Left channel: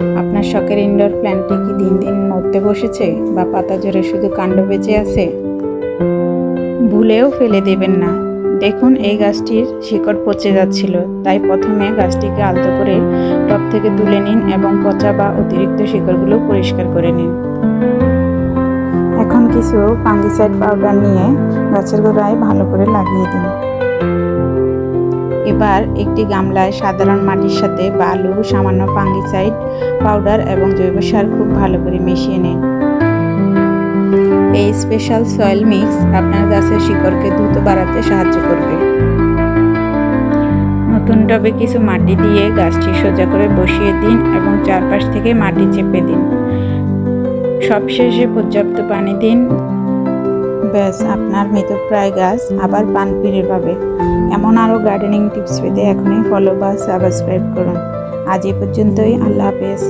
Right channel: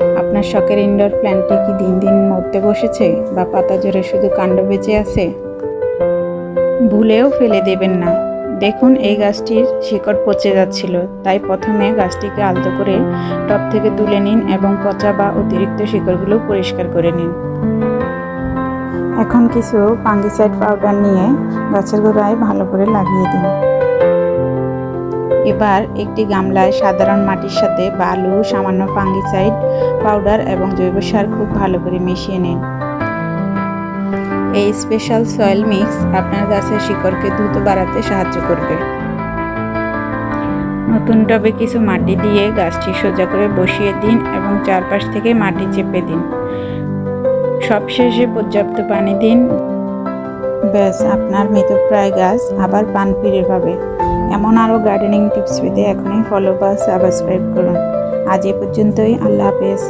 আপনার শখের ইনডোর প্ল্যান্টটি কি দিন দিন মরতে বসেছে বা পাতা ঝরে শুধু কাণ্ড বেঁচে আছে? ভুলেও ফেলে দেবেন না। দেখুন, এই গাছটির শিকড় পচে যাচ্ছিল, তাই প্রথমে গাছটিকে আলতো করে টব থেকে তুলে নিন এবং পচা বা অতিরিক্ত শিকড়গুলো পরিষ্কার করে নিন। এখন কিছু ফাঙ্গিসাইড পাউডার নিয়ে গাছের গোড়ায় ভালো করে লাগিয়ে দিন। এবার একটি গামলায় সাধারণ মাটির সাথে বালু, সামান্য ফাঙ্গিসাইড পাউডার এবং জৈব সার খুব ভালো করে মিশিয়ে নিন। এই স্পেশাল সয়েল মিক্স আপনার গাছের শিকড়কে দ্রুত বাড়াতে সাহায্য করবে। নতুন টবে কিছু মাটি দিয়ে গাছটি সোজা করে বসিয়ে দিন এবং চারপাশ থেকে মাটি চেপে দিন। সবশেষে পর্যাপ্ত পানি দিন। ব্যাস, আপনার মৃতপ্রায় গাছ আবার প্রাণ ফিরে পাবে। এমন আরও গার্ডেনিং টিপস পেতে এখনই ফলো বা সাবস্ক্রাইব করুন। আজ এ পর্যন্তই। আল্লাহ হাফেজ।